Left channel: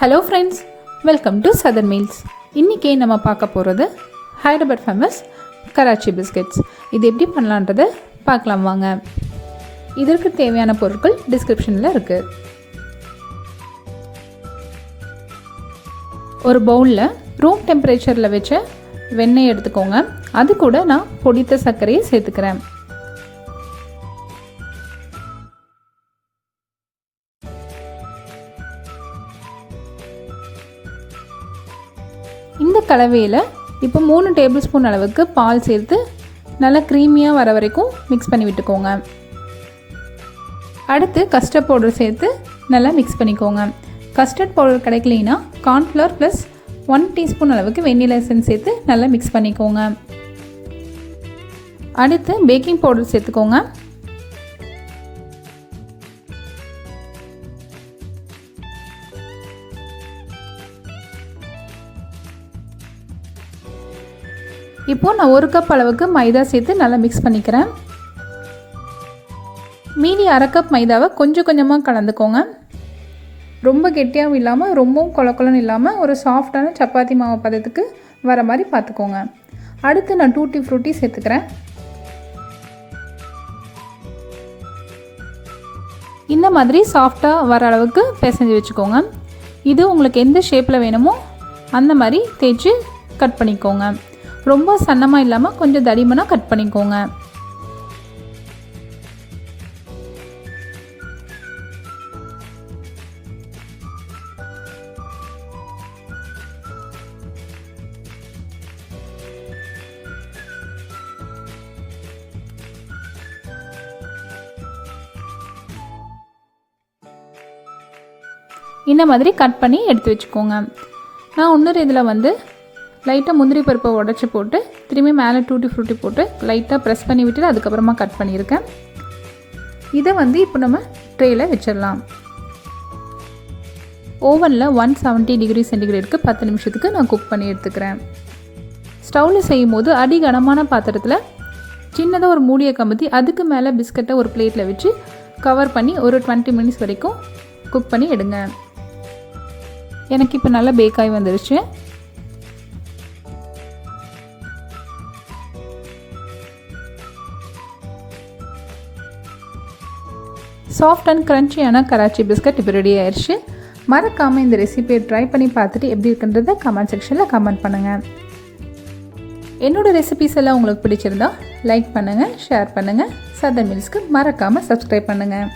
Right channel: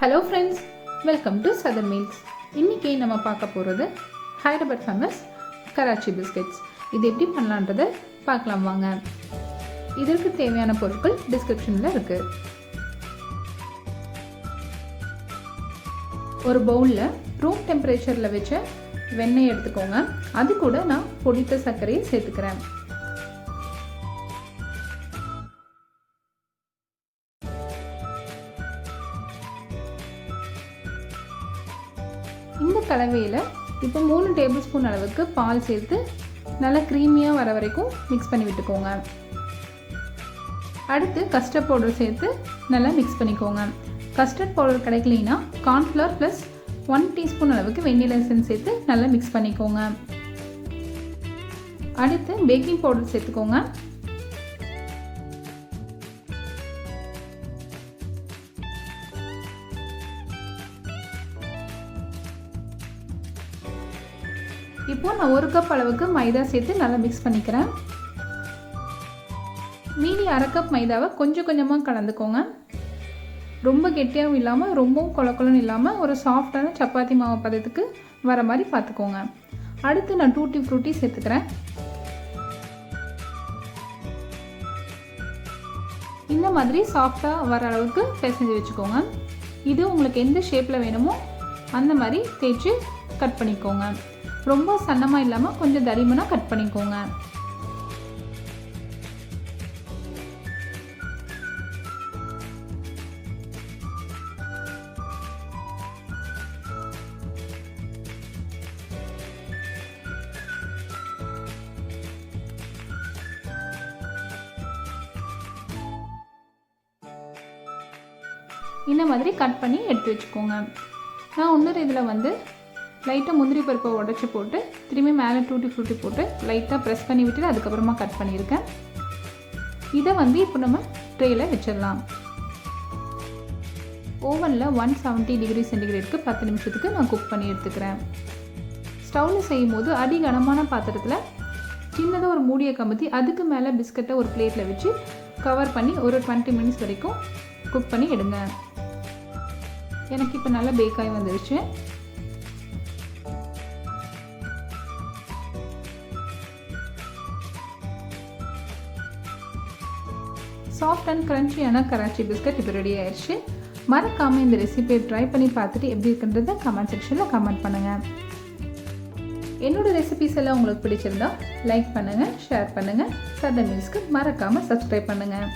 Hello friends, welcome to Southern Meals. இன்னைக்கு நம்ம பார்க்க போகிறது ஹைதராபாத் ஃபேமஸ் கராச்சி பிஸ்கெட்ஸ். இது எப்படி பண்ணலான்றதை பார்க்கலாம் வாங்க. இதற்கு தேவையான பொருட்கள் டிஸ்கிரிப்ஷனில் இருக்குது. ஒரு பவுலில் ரூம் டெம்பரேச்சரில் வச்ச வெண்ணெய் எடுத்துக்கோங்க. அது கூட நான் பொடித்த சர்க்கரையை சேர்த்துக்கிறேன். இந்த கலவையில் இப்போ 3 டேபிள் ஸ்பூன் அளவுக்கு பால் சேர்த்து நல்லா க்ரீமியாக வர வரைக்கும் மிக்ஸ் பண்ணி விட்டுக்கோங்க. அடுத்து கஸ்டர்ட் பவுடர் சேர்த்து நல்லா மிக்ஸ் பண்ணிக்கோங்க. கஸ்டர்ட் பவுடர் கிடைக்கலைன்னா கார்ன்ஃப்ளவர் ப்ளஸ் 1 டீஸ்பூன் அளவுக்கு வெண்ணிலா எசன்ஸ் சேர்த்து நல்லா மிக்ஸ் பண்ணிக்கோங்க. அடுத்து பேக்கிங் பவுடர் சேர்த்துக்கோங்க. இப்போது நான் 1 கப் அளவுக்கு மைதா சேர்த்து நல்லா மிக்ஸ் பண்ணிக்கிறேன். மீதி 1/2 கப் மைதாவை கொஞ்சம் கொஞ்சமாக கலந்துக்கோங்க. ரொம்ப கெட்டியாகவும் இல்லாமல் ரொம்பவும் கொலன்னு இல்லாமல் ஒரு சாஃப்டான சப்பாத்தி மாவு பதத்துக்கு வர மாதிரி பார்த்துக்கோங்க. அடுத்து நான் டூட்டி ஃப்ரூட்டி சேர்த்துக்கிறேன். இந்த மாதிரி சாஃப்டாக வர அளவுக்கு பிசைஞ்சு வச்சுக்கோங்க. இது உங்களுக்கு எந்த ஷேப்பில் வேணுமோ அந்த மாதிரி தேய்ச்சி கட் பண்ணிக்கோங்க. ரொம்ப சன்னமாக இல்லாமல் கொஞ்சம் தடிமனாக கட் பண்ணிக்கோங்க. இந்த மாதிரி கட் பண்ணி எடுத்து வச்சுக்கோங்க. நான் இன்னொரு இதில் லைட்டாக முந்திரி பருப்பை உடச்சி போட்டு திரும்பி மேலே டூட்டி ஃப்ரூட்டி போட்டு லைட்டாக ப்ரெஸ் பண்ணி விட்டுட்டு அதுக்கப்புறமா கட் பண்ணியிருக்கேன். இதை இப்போ நம்ம ட்ரேயில் வச்சிடலாம். ஓவனில் 170 டிகிரி சென்டிகிரேடுக்கு 10 நிமிஷத்துக்கு நான் குக் பண்ணி எடுத்துக்கிறேன். ஸ்டவ்வில் செய்யும் போது அடி கனமான பாத்திரத்தில் சின்னதாக ஒரு மூடியை கமுத்தி அதுக்கு மேலே பிஸ்கட்டை ஒரு பிளேட்டில் வச்சு கவர் பண்ணி ஒரு 20 மினிட்ஸ் வரைக்கும் குக் பண்ணி எடுங்க. எனக்கு இப்போ நல்லா பேக்காகி வந்துடுச்சு. சாஃப்ட் அண்ட் க்ரன்ச்சியான கராச்சி பிஸ்கட் இப்போ ரெடி ஆயிடுச்சு. மறக்காமல் இந்த ரெசிபியை ட்ரை பண்ணி பார்த்துட்டு எப்படி இருக்குன்றதை கமெண்ட் செக்ஷனில் கமெண்ட் பண்ணுங்கள். என்னோடய ரெசிபிஸ் எல்லாம் உங்களுக்கு பிடிச்சிருந்தா லைக் பண்ணுங்கள், ஷேர் பண்ணுங்கள். சதர் மீல்ஸ்க்கு மறக்காமல் சப்ஸ்கிரைப் பண்ணுங்கள்.